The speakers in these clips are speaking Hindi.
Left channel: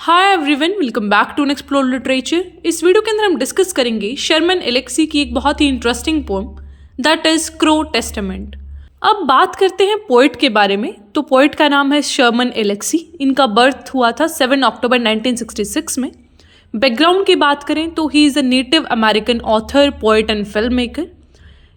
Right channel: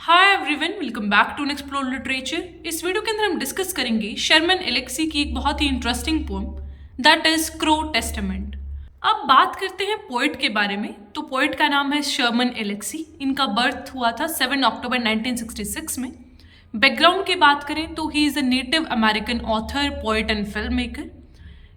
Hi everyone, welcome back to Explore Literature. इस वीडियो के अंदर हम डिस्कस करेंगे शर्मन एलेक्सी की एक बहुत ही interesting poem that is Crow Testament. अब बात करते हैं पोइट के बारे में। तो पोइट का नाम है शर्मन एलेक्सी। इनका बर्थ हुआ था 7 अक्टूबर 1966 में। बैकग्राउंड की बात करें तो he is a native American author, poet and film maker.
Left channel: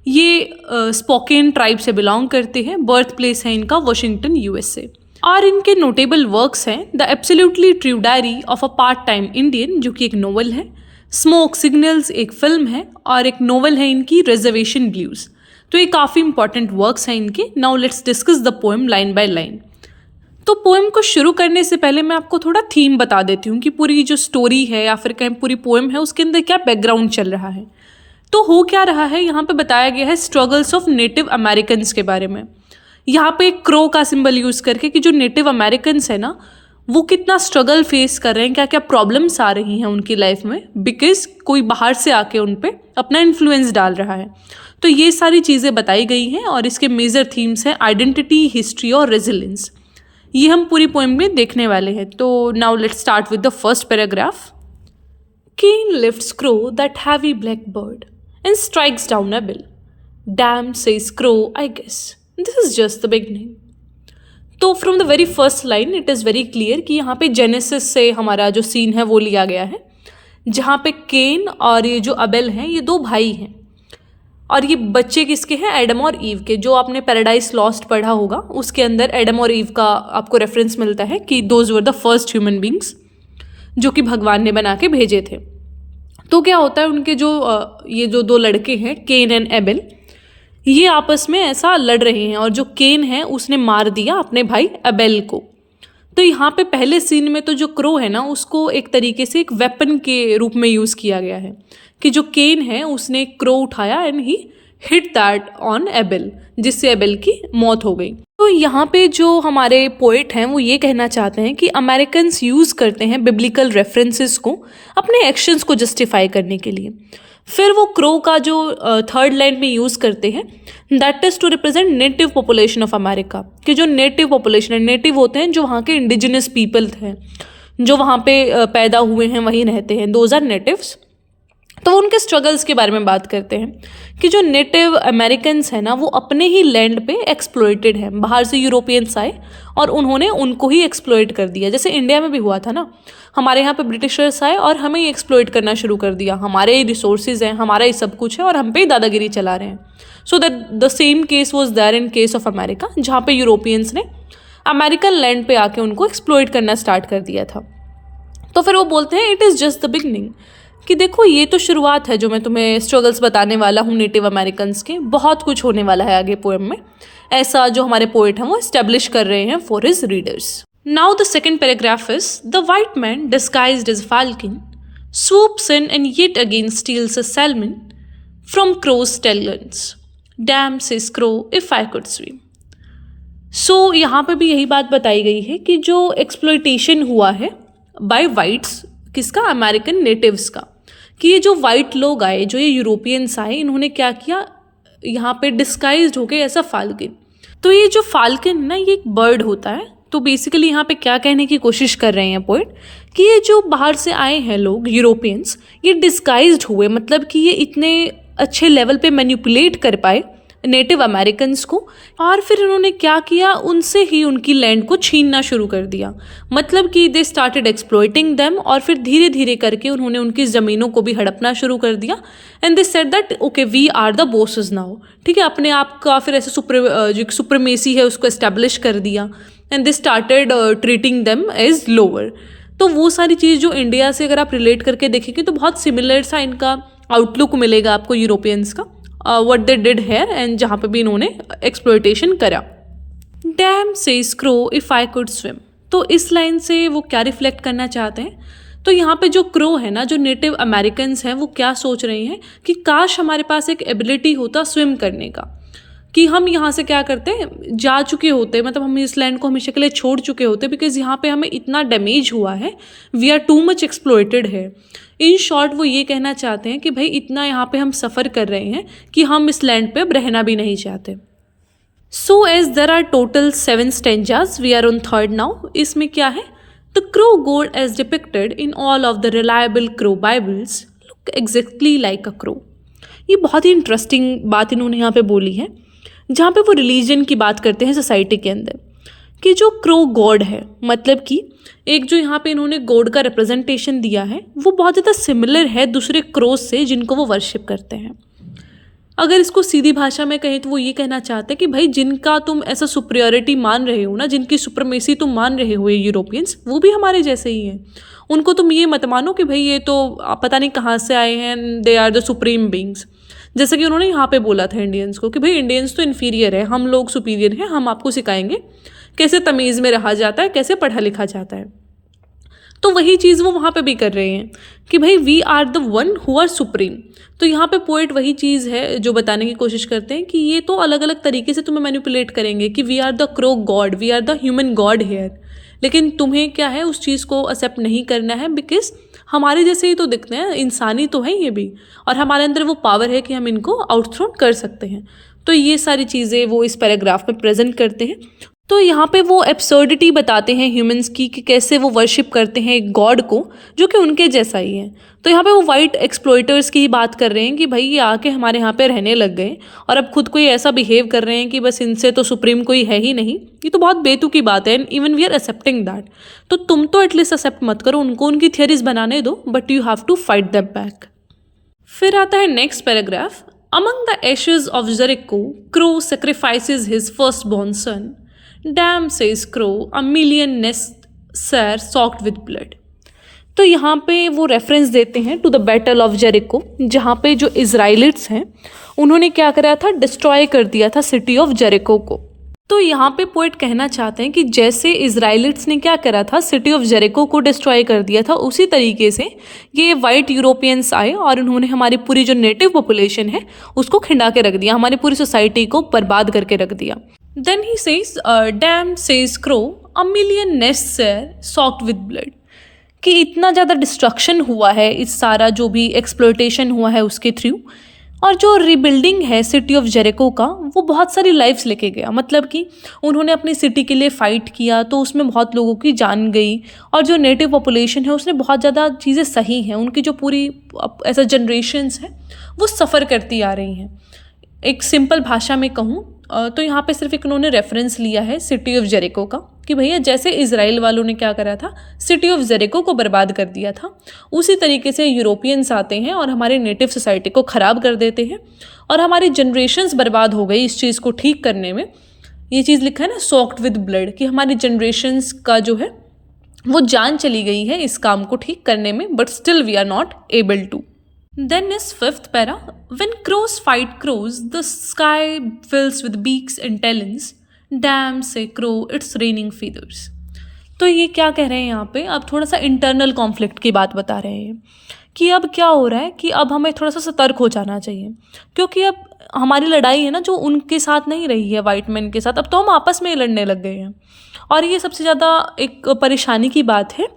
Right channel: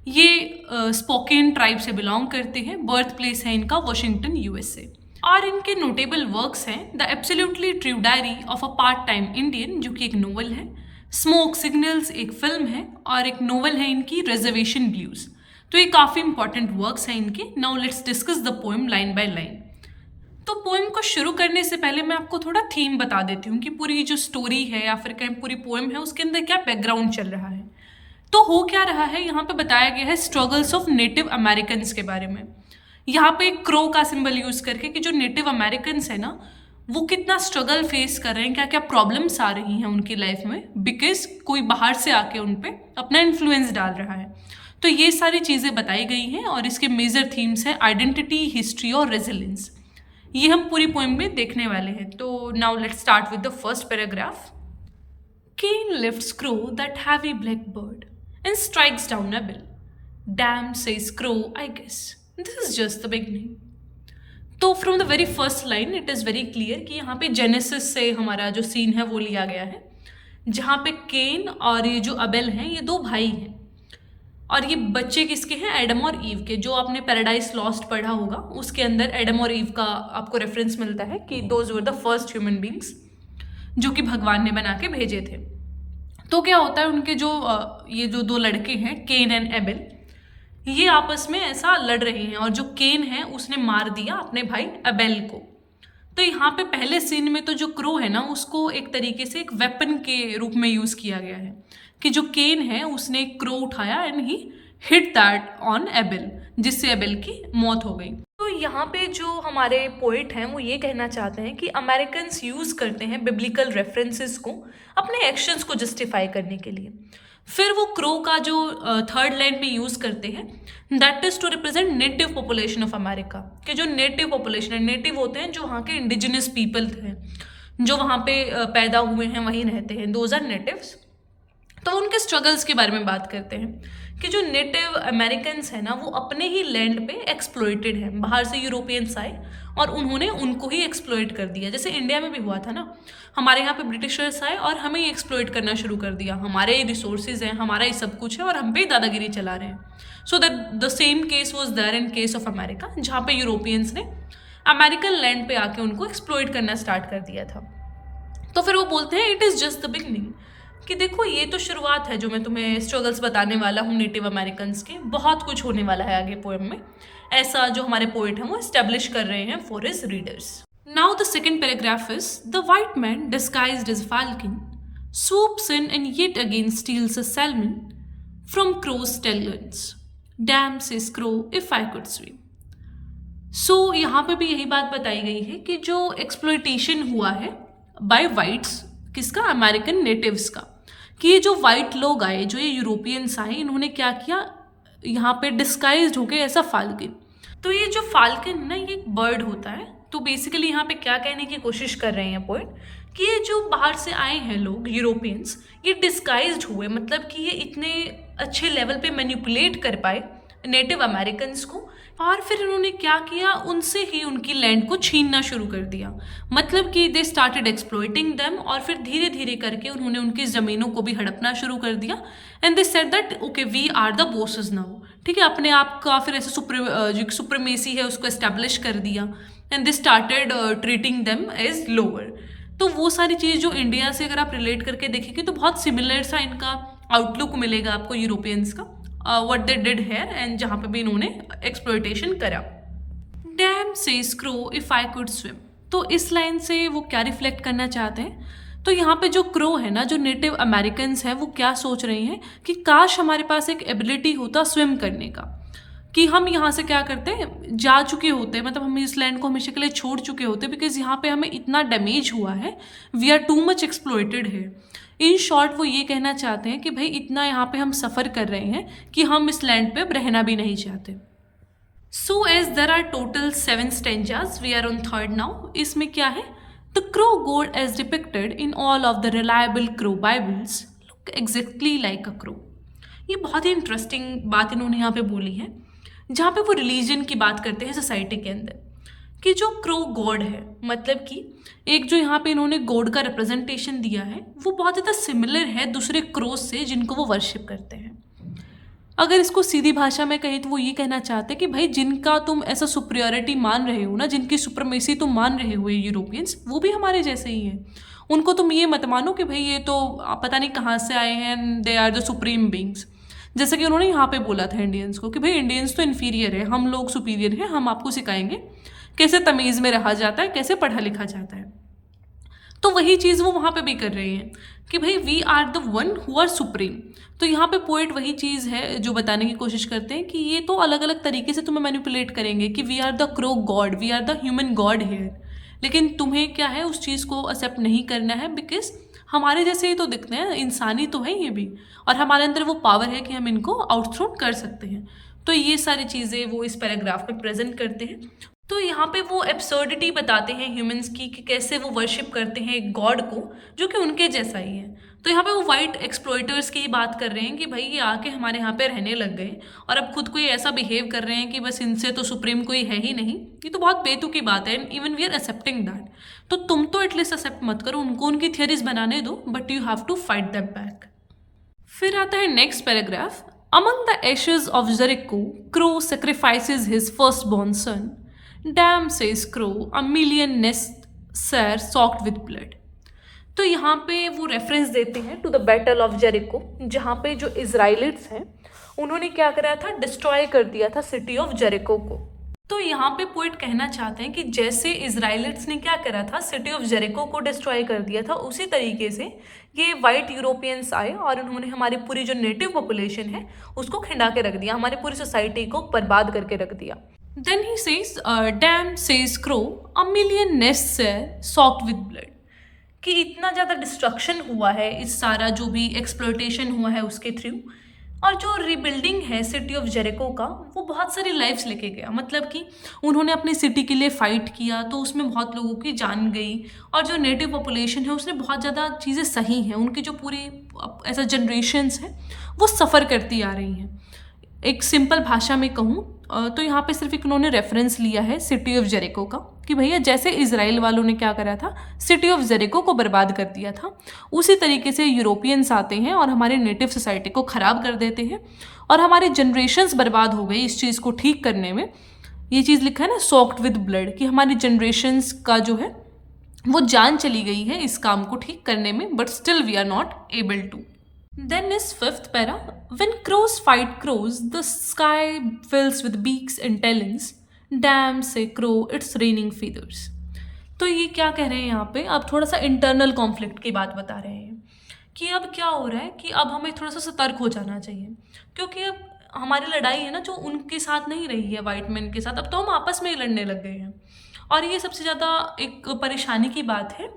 ये स्पोकेन ट्राइब से बिलोंग करते हैं। बर्थ प्लेस है इनका वाशिंगटन, यूएसए। और इनके नोटेबल वर्क्स हैं the absolutely true diary of a part time Indian, जो कि एक नोवेल है, स्मोक सिग्नल्स एक फिल्म है, और एक नोवेल है इनकी रिजर्वेशन ब्लूज। तो ये काफ़ी इंपॉर्टेंट वर्क्स हैं इनके। Now let's discuss the poem line by line. तो पोएम को शुरू करने से पहले मैं आपको थोड़ा थीम बता देती हूँ कि पूरी जो स्टोरी है या फिर कहीं पूरी पोएम है उसके अंदर क्या बैकग्राउंड चल रहा है। तो हो क्या रहा है, यहाँ पे बताया गया है स्ट्रगल्स ऑफ नेटिव अमेरिकन्स के बारे में। यहाँ पे क्रो का सिंबल यूज़ करके कि जो नेटिव अमेरिकन्स है ना, वो कितना स्ट्रगल फेस कर रहे हैं, क्या क्या प्रॉब्लम्स आ रही हैं उनकी लाइफ में, बिकॉज कोई बाहर से आके उन पे अपना इन्फ्लुएंस डाल रहा है। तो ये सारी चीज़ें बताई गई हैं और इसके मेजर थीम्स हैं आइडेंटिटी, हिस्ट्री और रेजिलियंस। ये हम पूरी पोएम में देखने वाले हैं। तो now let's start with the first paragraph. Cain lifts Crow, that heavy black bird, and strikes down a bill. Damn, says Crow, I guess. This is just the beginning. तो from the very first line it is very clear कि यहाँ पे जेनेसिस से हमारा जो सीन है वो लिया गया है, जहाँ पे केन और ये जो अबेल हैं ये दो भाई हैं। और ये बच्चे किसके हैं? एडम और ईव के। जो आपने पैराडाइज लॉस्ट पढ़ा होगा उसके अंदर एडम और ईव का आपको रेफरेंस मिलता है कि those were the first human beings जो कि भगवान ने बना के भेजे थे। तो क्या होता है, उनके जो ये जो दो लड़के हैं केन एंड एबेल, ये आपस में ऐसा लड़ रहे हैं और जो केन है उसने मार दिया अपने भाई एबेल को। तो यहाँ पे पहले सीन में तो जो क्रो है ना उसको एक तरीके से एक वेपन के रूप में यूज़ किया गया है कि जो केन है उसने एक क्रो उठाया and he hit that on Abel, जिससे एबेल की मौत हो गई। तो यहाँ पे जो हमारे पोइट हैं वो ये कहना चाहते हैं कि अमेरिकन्स यूज़ करते हैं बिब्लिकल रेफरेंसेस को अपने एक्शंस को जस्टिफाई करने के लिए। फिर वो क्रो का जो थर्ड लाइन में यूज़ करते हैं that is to represent native population of America, कि जो नेटिव पॉपुलेशन है, नेटिव होते हैं जो वहाँ के इंडिजिनस पीपल थे, जो वहाँ पे पैदा हुए हैं वहीं रहते हैं, दोज आर नेटिव्स। तो उनके स्ट्रगल्स के बारे में बात करते हैं कि जो नेटिव अमेरिकन्स हैं ना वो अपने ही लैंड पे एक्सप्लॉइटेड हैं। बाहर से यूरोपियंस आए और उन्होंने उनको ही एक्सप्लॉइट कर दिया। जैसे इंडिया में भी हुआ था ना, हमारे यहाँ पे ब्रिटिशर्स आए और हमें ही एक्सप्लॉइट करना शुरू कर दिया। हमारे ही रिसोर्सेज हैं, हमारा ही सब कुछ है और हम पे ही दादागिरी चला रहे हैं। So that the same case was there in case of America, जहाँ पे यूरोपियंस ने अमेरिकन लैंड पे आके उनको एक्सप्लॉइट करना स्टार्ट कर दिया था। तो फिर वो बोलते हैं it is just the beginning, कि देखो ये तो शुरुआत है जो मैं तुम्हें स्ट्रगल्स बताने वाला हूँ नेटिव अमेरिकन्स के, बहुत कुछ होने वाला है आगे पोएम में। ऐसा जो हमारे पोएट हैं वो एस्टेब्लिश कर रहे हैं for his readers. Now the second paragraph is the white man disguised as falcon swoops in and yet again steals a salmon from crow's talons. Damn, says crow, if I could swim. So यहाँ पे भी यही बात बताई गई है कि जो एक्सप्लॉइटेशन हुआ है बाय वाइट्स, किसका? अमेरिकन नेटिव्स का, कि ये जो वाइट लोग आए, जो ये यूरोपियंस आए, इन्होंने क्या किया, यहाँ पे डिस्गाइज्ड हो गए ऐसा फाल्कन। तो ये जो फाल्कन ना ये एक बर्ड होता है। तो बेसिकली यहाँ पे क्या कहने की कोशिश कर रहे हैं पोइट कि ये जो बाहर से आए हैं लोग यूरोपियंस, ये डिस्गाइज्ड हुए, मतलब कि ये इतने अच्छे लेवल पे मैनिपुलेट कर पाए नेटिव अमेरिकन्स को, और फिर उन्होंने क्या किया, उनसे ही उनकी लैंड को छीनना शुरू कर दिया। मतलब कि दे स्टार्टेड एक्सप्लॉइटिंग देम, और फिर धीरे धीरे करके उन्होंने उनकी ज़मीनों को भी हड़पना शुरू कर दिया। And they said that okay we are the bosses now, ठीक है, अपने आप का फिर ऐसे जो सुप्रीमेसी है उसको एस्टेब्लिश कर दिया। And they started treating them as lower. तो वो सारी चीज़ जो इंडिया से अगर आप रिलेट करके देखेंगे तो बहुत सिमिलर सा इनका आउटलुक मिलेगा आपको यूरोपियंस का, what they did here, and जहाँ पे भी इन्होंने एक्सप्लॉइटेशन करा। Damn says Crow if I could swim. तो इस लाइन से वो क्या रिफ्लेक्ट करना चाहते हैं, तो यहाँ पे जो क्रो है ना, जो नेटिव अमेरिकन्स हैं, वो क्या सोच रहे हैं कि काश हमारे पास एक एबिलिटी होता स्विम करने का, कि हम यहाँ से क्या करते हैं, जा चुके होते, मतलब हम इस लैंड को हमेशा के लिए छोड़ चुके होते, बिकॉज यहाँ पे हमें इतना डैमेज हुआ है, we are too much exploited है। इन शॉर्ट वो ये कहना चाहते हैं कि भाई इतना यहाँ पे हम सफ़र कर रहे हैं कि हम इस लैंड पे अब रहना भी नहीं चाहते। So as there are total 7 stanzas, we are on third now. इसमें क्या है, The crow god as depicted in all of the reliable crow Bibles look exactly like a crow. ये बहुत ही इंटरेस्टिंग बात इन्होंने यहाँ पे बोली है, जहाँ पे वो रिलीजन की बात करते हैं सोसाइटी के अंदर, कि जो क्रो गॉड है, मतलब कि एक जो यहाँ पे इन्होंने गॉड का रिप्रेजेंटेशन दिया है वो बहुत ज़्यादा सिमिलर है दूसरे क्रोज से जिनको वो वर्शिप करते हैं। अगर इसको सीधी भाषा में कहें तो वो ये कहना चाहते हैं कि भाई जिनका तुम ऐसा सुपरियोरिटी मान रहे हो ना, जिनकी सुप्रमेसी तुम मान रहे हो ये यूरोपियंस, वो भी हमारे जैसे ही हैं। उनको तुम ये मत मानो कि भाई ये तो पता नहीं कहाँ से आए हैं, they are the supreme beings. जैसे कि उन्होंने यहाँ पे बोला था इंडियंस को कि भाई इंडियंस तो इन्फीरियर है, हम लोग सुपीरियर हैं, हम आपको सिखाएंगे कैसे तमीज़ में रहा जाता है, कैसे पढ़ा लिखा जाता है। तो वही चीज़ वो वहाँ पे भी कर रहे हैं कि भाई we are the one who are supreme. तो यहाँ पे पोएट वही चीज़ है जो बताने की कोशिश करते हैं कि ये तो अलग अलग तरीके से तुम्हें मैनिपुलेट करेंगे कि we are the Crow god, we are the human god here, लेकिन तुम्हें क्या है उस चीज़ को एक्सेप्ट नहीं करना है, बिकॉज हमारे जैसे ही तो दिखते हैं, इंसानी तो है ये भी, और हमारे अंदर वो पावर है कि हम इनको आउटथ्रोन कर सकते हैं। तो ये सारी चीज़ें वो इस पैराग्राफ में प्रेजेंट करते हैं। तो यहाँ पे वो एब्सर्डिटी बताते हैं ह्यूमंस की कि कैसे वो वर्शिप करते हैं एक गॉड को जो कि उनके जैसा ही है। तो यहाँ पे वो वाइट एक्सप्लॉइटर्स की बात कर रहे हैं कि भाई ये आके हमारे यहाँ पे रहने लग गए और अब खुद को ये ऐसा बिहेव कर रहे हैं कि बस इनसे तो सुप्रीम कोई है ही नहीं। ये तो बहुत बेतुकी बात है, and even we are accepting that. तो तुम तो एटलीस्ट एक्सेप्ट मत करो, उनको उनकी थियरीज बनाने दो, but you have to fight them back. फिर आता है next paragraph. Among the ashes of Jericho Crow sacrifices his first born son. Damn says Crow a million nests are soaked with blood. तो यहाँ पे वो रेफरेंस देते हैं to the battle of Jericho, जहाँ पे जो इजराइलिट्स हैं उन्होंने क्या करा था, डिस्ट्रॉय कर दिया था सिटी ऑफ जेरिको को। तो यहाँ पे पोएट कहना चाहते हैं कि जैसे इजराइलिट्स ने क्या करा था, सिटी ऑफ जेरिको को डिस्ट्रॉय कर दिया था, उसी तरीके से ये वाइट यूरोपियंस आए और उन्होंने हमारी पूरी जो नेटिव पॉपुलेशन है उसको खिंडा के रख दिया, हमारी पूरी सोसाइटी को बर्बाद करके रख दिया। Then he says damn says Crow a million nests are soaked with blood, कि इतना ज़्यादा डिस्ट्रक्शन हुआ है, इस सारा जो भी एक्सप्लोइटेशन हुआ है उसके थ्रू, और जो रिबिल्डिंग है सिटी ऑफ जेरिको का वो बहुत सारी लाइफ्स लेके गया। मतलब कि उन्होंने अपनी सिटी के लिए फ़ाइट किया तो उसमें बहुत लोगों की जान गई, और जो नेटिव पॉपुलेशन है उसने बहुत ज़्यादा चीज़ें सही हैं, उनकी जो पूरी ऐसा जनरेशन्स हैं वो सफ़र करती आ रही हैं। एक सिंपल भाषा में कहूँ तो यहाँ पे सिर्फ एक उन्होंने रेफरेंस लिया है सिटी ऑफ जेरिको का, कि भैया जैसे इजराइल वालों ने क्या करा था, सिटी ऑफ जेरिको को बर्बाद कर दिया था, उसी तरीके से यूरोपियंस आते हैं और हमारे नेटिव सोसाइटी को ख़राब कर देते हैं, और हमारी जनरेशन्स बर्बाद हो गई इस चीज़ को ठीक करने में। ये चीज़ लिखा है ना, सॉक्ड विद ब्लड, कि हमारी जनरेशन्स का जो है वो जान चली गई है इस काम को ठीक करने में, but still we are not able to. Then is fifth para. When crows fight crows, the sky fills with beaks and talons. Damn say crow, it's raining feathers. तो ये क्या कह रहे हैं यहाँ पे, अब थोड़ा सा इंटरनल कॉन्फ्लिक्ट की बात बता रहे हैं कि अब क्या हो रहा है कि अब हमें थोड़ा सा सतर्क हो जाना चाहिए, क्योंकि अब हमारी लड़ाई है ना जो उनके साथ नहीं रही है वाइट मैन के साथ, अब तो हम आपस में ही लड़ने लग गए हैं। और ये सबसे ज़्यादा एक परेशानी की बात है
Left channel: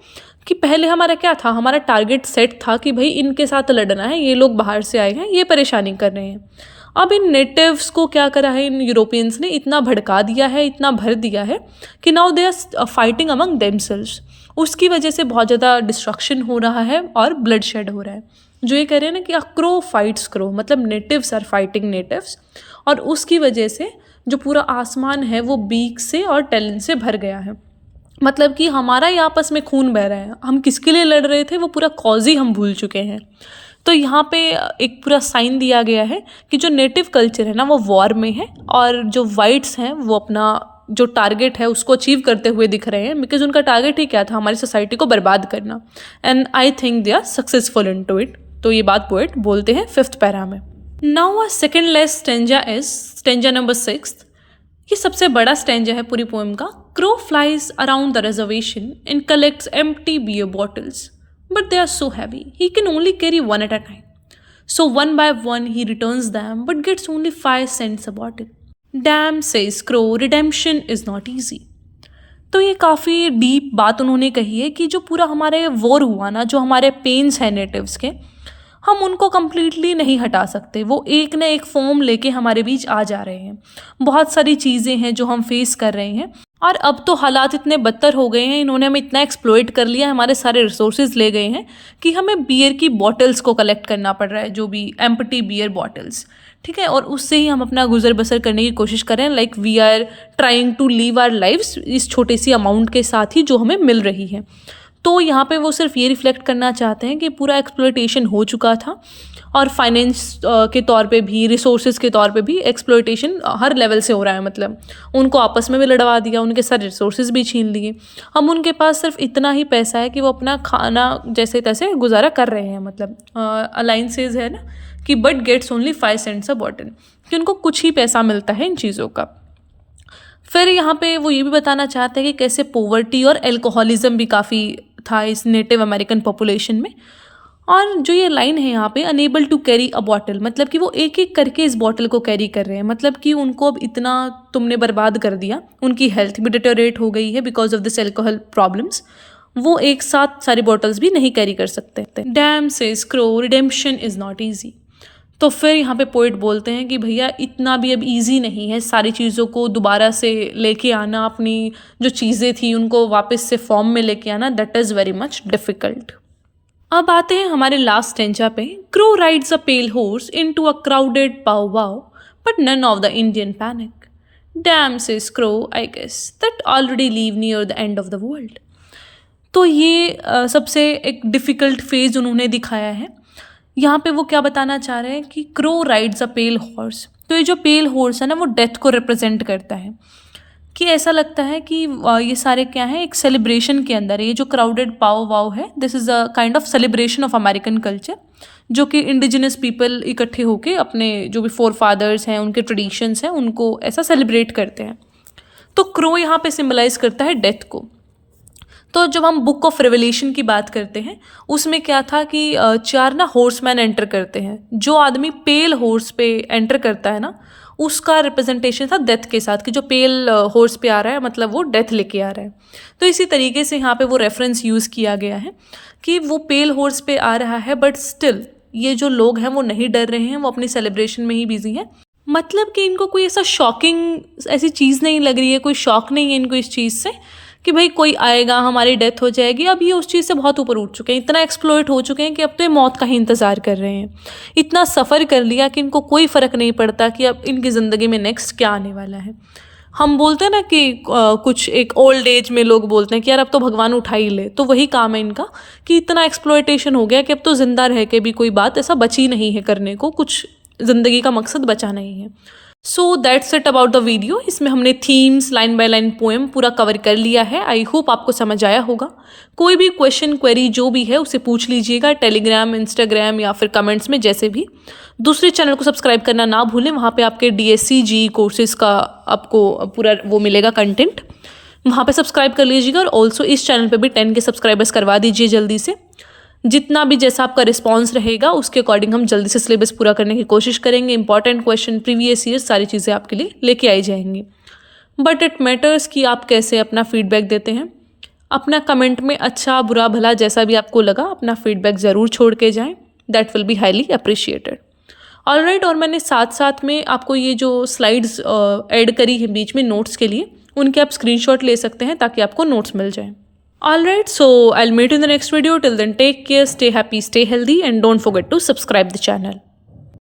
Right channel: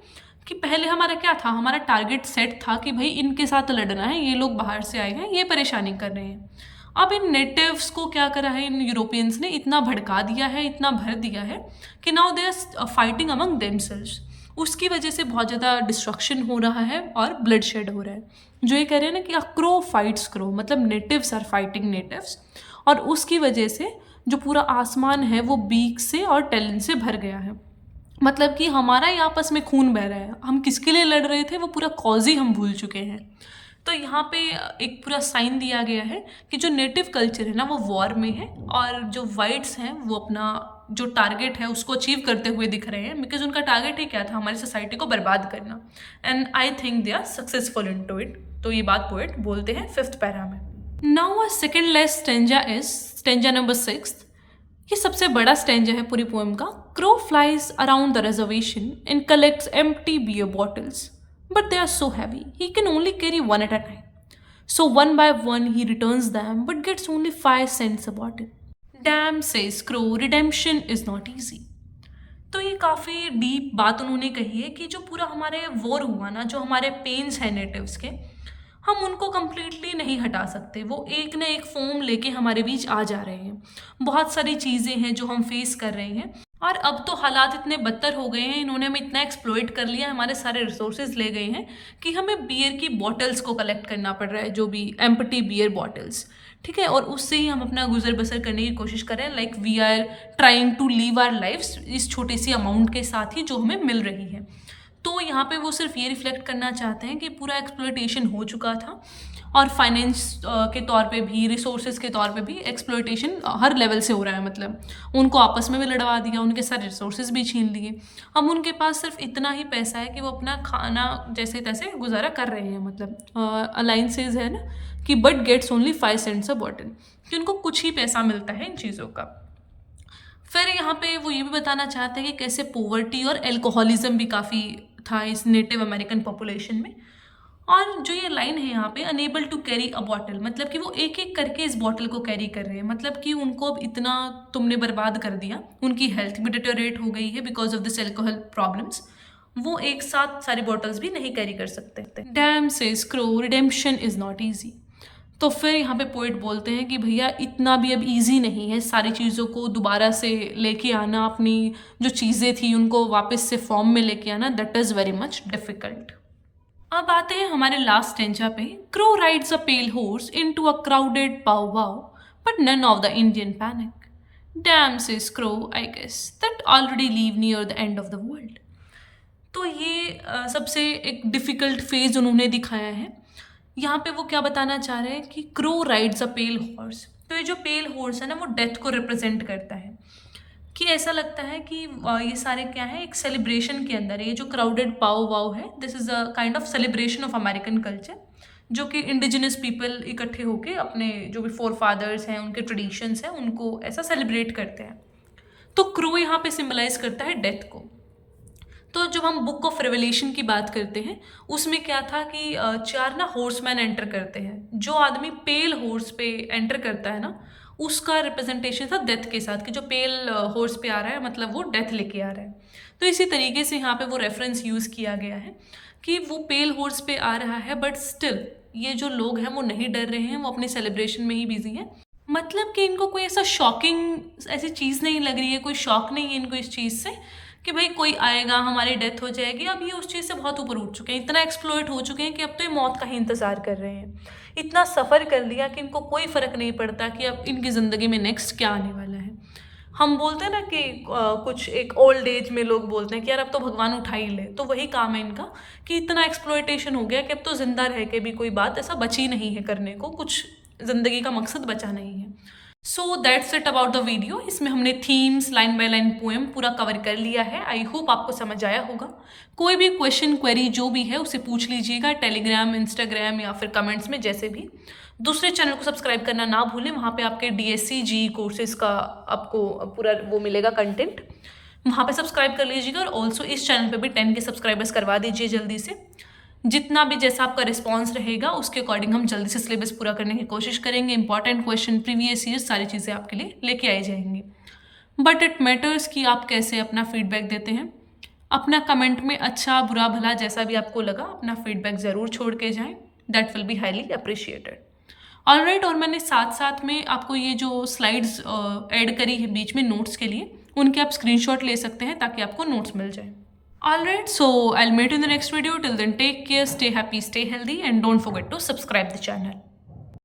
कि पहले हमारा क्या था, हमारा टारगेट सेट था कि भाई इनके साथ लड़ना है, ये लोग बाहर से आए हैं, ये परेशानी कर रहे हैं। अब इन नेटिव्स को क्या करा है इन यूरोपियंस ने, इतना भड़का दिया है, इतना भर दिया है कि now they are fighting among themselves. उसकी वजह से बहुत ज़्यादा डिस्ट्रक्शन हो रहा है और ब्लड शेड हो रहा है। जो ये कह रहे हैं ना कि क्रो फाइट्स क्रो, मतलब नेटिव्स आर फाइटिंग नेटिव्स, और उसकी वजह से जो पूरा आसमान है वो बीक से और टैलेंट से भर गया है। मतलब कि हमारा ही आपस में खून बह रहा है, हम किसके लिए लड़ रहे थे वो पूरा कॉज ही हम भूल चुके हैं। तो यहाँ पे एक पूरा साइन दिया गया है कि जो नेटिव कल्चर है ना वो वॉर में है, और जो वाइट्स हैं वो अपना जो टारगेट है उसको अचीव करते हुए दिख रहे हैं, बिकॉज उनका टारगेट ही क्या था, हमारी सोसाइटी को बर्बाद करना, and I think they are successful in to it. तो ये बात पोएट बोलते हैं फिफ्थ पैरा में। Now a second less stanza is stanza number 6। ये सबसे बड़ा स्टेंजा है पूरी पोएम का। Crow flies around the reservation and collects empty beer bottles, but they are so heavy, he can only carry one at a time. So one by one he returns them, but gets only 5 cents a bottle. Damn, says Crow, redemption is not easy. तो ये काफ़ी डीप बात उन्होंने कही है कि जो पूरा हमारे वॉर हुआ ना, जो हमारे पेन्स हैं नेटिव्स के, हम उनको कम्प्लीटली नहीं हटा सकते। वो एक न एक फॉर्म लेके हमारे बीच आ जा रहे हैं। बहुत सारी चीज़ें हैं जो हम फेस कर रहे हैं, और अब तो हालात इतने बदतर हो गए हैं, इन्होंने हमें इतना एक्सप्लॉइट कर लिया, हमारे सारे रिसोर्सेज ले गए हैं कि हमें बियर की बॉटल्स को कलेक्ट करना पड़ रहा है, जो भी एम्प्टी बियर बॉटल्स, ठीक है, और उससे ही हम अपना गुजर बसर करने की कोशिश कर रहे हैं। Like we are trying to live our lifes इस छोटी सी अमाउंट के साथ ही जो हमें मिल रही है। तो यहाँ पे वो सिर्फ ये रिफ्लेक्ट करना चाहते हैं कि पूरा एक्सप्लॉइटेशन हो चुका था, और फाइनेंस के तौर पे भी, रिसोर्सेज के तौर पे भी एक्सप्लॉइटेशन हर लेवल से हो रहा है। मतलब उनको आपस में भी लड़वा दिया, उनके सारे रिसोर्सेज भी छीन लिए। हम उनके पास सिर्फ इतना ही पैसा है कि वो अपना खाना जैसे तैसे गुजारा कर रहे हैं। मतलब अलाइंसेज है ना कि but gets only 5 cents a bottle, कि उनको कुछ ही पैसा मिलता है इन चीज़ों का। फिर यहाँ पे वो ये भी बताना चाहते हैं कि कैसे पोवर्टी और एल्कोहलिज्म भी काफ़ी था इस नेटिव अमेरिकन पॉपुलेशन में। और जो ये लाइन है यहाँ पे, unable to carry a bottle, मतलब कि वो एक एक करके इस बॉटल को कैरी कर रहे हैं। मतलब कि उनको अब इतना तुमने बर्बाद कर दिया, उनकी हेल्थ भी डिटेरियोरेट हो गई है because of this alcohol problems, वो एक साथ सारी बॉटल्स भी नहीं कैरी कर सकते। Dam says crow, redemption is not easy. तो फिर यहाँ पे पोइट बोलते हैं कि भैया इतना भी अब इजी नहीं है सारी चीज़ों को दोबारा से लेके आना, अपनी जो चीज़ें थी उनको वापस से फॉर्म में लेके आना, that is very much difficult. अब आते हैं हमारे लास्ट स्टेंजा पे। Crow rides a pale horse into a crowded powwow but none of the Indian panic. Damn says Crow, I guess that already live near the end of the world. तो ये सबसे एक डिफ़िकल्ट फेज उन्होंने दिखाया है। यहाँ पे वो क्या बताना चाह रहे हैं कि crow rides a pale horse. तो ये जो पेल हॉर्स है ना, वो डेथ को रिप्रेजेंट करता है। कि ऐसा लगता है कि ये सारे क्या है, एक सेलिब्रेशन के अंदर है। ये जो क्राउडेड पाव वाव है, this is a kind of celebration of American culture, जो कि इंडिजिनस पीपल इकट्ठे होके अपने जो भी फोर फादर्स हैं, उनके ट्रेडिशंस हैं, उनको ऐसा सेलिब्रेट करते हैं। तो क्रो यहाँ पे सिम्बलाइज करता है डेथ को। तो जब हम बुक ऑफ रेवलेशन की बात करते हैं, उसमें क्या था कि 4 ना हॉर्समैन एंटर करते हैं। जो आदमी पेल हॉर्स पे एंटर करता है ना, उसका रिप्रेजेंटेशन था डेथ के साथ, कि जो पेल हॉर्स पे आ रहा है मतलब वो डेथ लेके आ रहा है। तो इसी तरीके से यहाँ पे वो रेफरेंस यूज़ किया गया है कि वो पेल हॉर्स पे आ रहा है, बट स्टिल ये जो लोग हैं वो नहीं डर रहे हैं, वो अपनी सेलिब्रेशन में ही बिजी हैं। मतलब कि इनको कोई ऐसा शॉकिंग ऐसी चीज़ नहीं लग रही है, कोई शॉक नहीं है इनको इस चीज़ से कि भाई कोई आएगा, हमारी डेथ हो जाएगी। अब ये उस चीज़ से बहुत ऊपर उठ चुके हैं, इतना एक्सप्लॉइट हो चुके हैं कि अब तो ये मौत का ही इंतज़ार कर रहे हैं। इतना सफ़र कर लिया कि इनको कोई फ़र्क नहीं पड़ता कि अब इनकी ज़िंदगी में नेक्स्ट क्या आने वाला है। हम बोलते हैं ना कि कुछ एक ओल्ड एज में लोग बोलते हैं कि यार अब तो भगवान उठा ही ले, तो वही काम है इनका कि इतना एक्सप्लॉइटेशन हो गया कि अब तो ज़िंदा रह के भी कोई बात ऐसा बची नहीं है करने को, कुछ ज़िंदगी का मकसद बचा नहीं है। So that's it about the video. इसमें हमने themes, line by line poem पूरा कवर कर लिया है। आई होप आपको समझ आया होगा। कोई भी क्वेश्चन, क्वेरी जो भी है उसे पूछ लीजिएगा, टेलीग्राम, इंस्टाग्राम या फिर कमेंट्स में, जैसे भी। दूसरे चैनल को सब्सक्राइब करना ना भूलें, वहाँ पे आपके DSC जी कोर्सेज का आपको पूरा वो मिलेगा कंटेंट, वहाँ पे सब्सक्राइब कर लीजिएगा। और ऑल्सो इस चैनल पे भी 10 के सब्सक्राइबर्स करवा दीजिए जल्दी से। जितना भी जैसा आपका रिस्पॉन्स रहेगा उसके अकॉर्डिंग हम जल्दी से सिलेबस पूरा करने की कोशिश करेंगे। इंपॉर्टेंट क्वेश्चन, प्रीवियस ईयर, सारी चीज़ें आपके लिए लेके आई जाएंगी। बट इट मैटर्स कि आप कैसे अपना फीडबैक देते हैं। अपना कमेंट में अच्छा बुरा भला जैसा भी आपको लगा, अपना फीडबैक ज़रूर छोड़ के जाएं। That will be highly appreciated. Alright, और मैंने साथ साथ में आपको ये जो स्लाइड्स ऐड करी है बीच में नोट्स के लिए, उनके आप स्क्रीनशॉट ले सकते हैं ताकि आपको नोट्स मिल जाएं। Alright, so I'll meet you in the next video. Till then, take care, stay happy, stay healthy, and don't forget to subscribe the channel.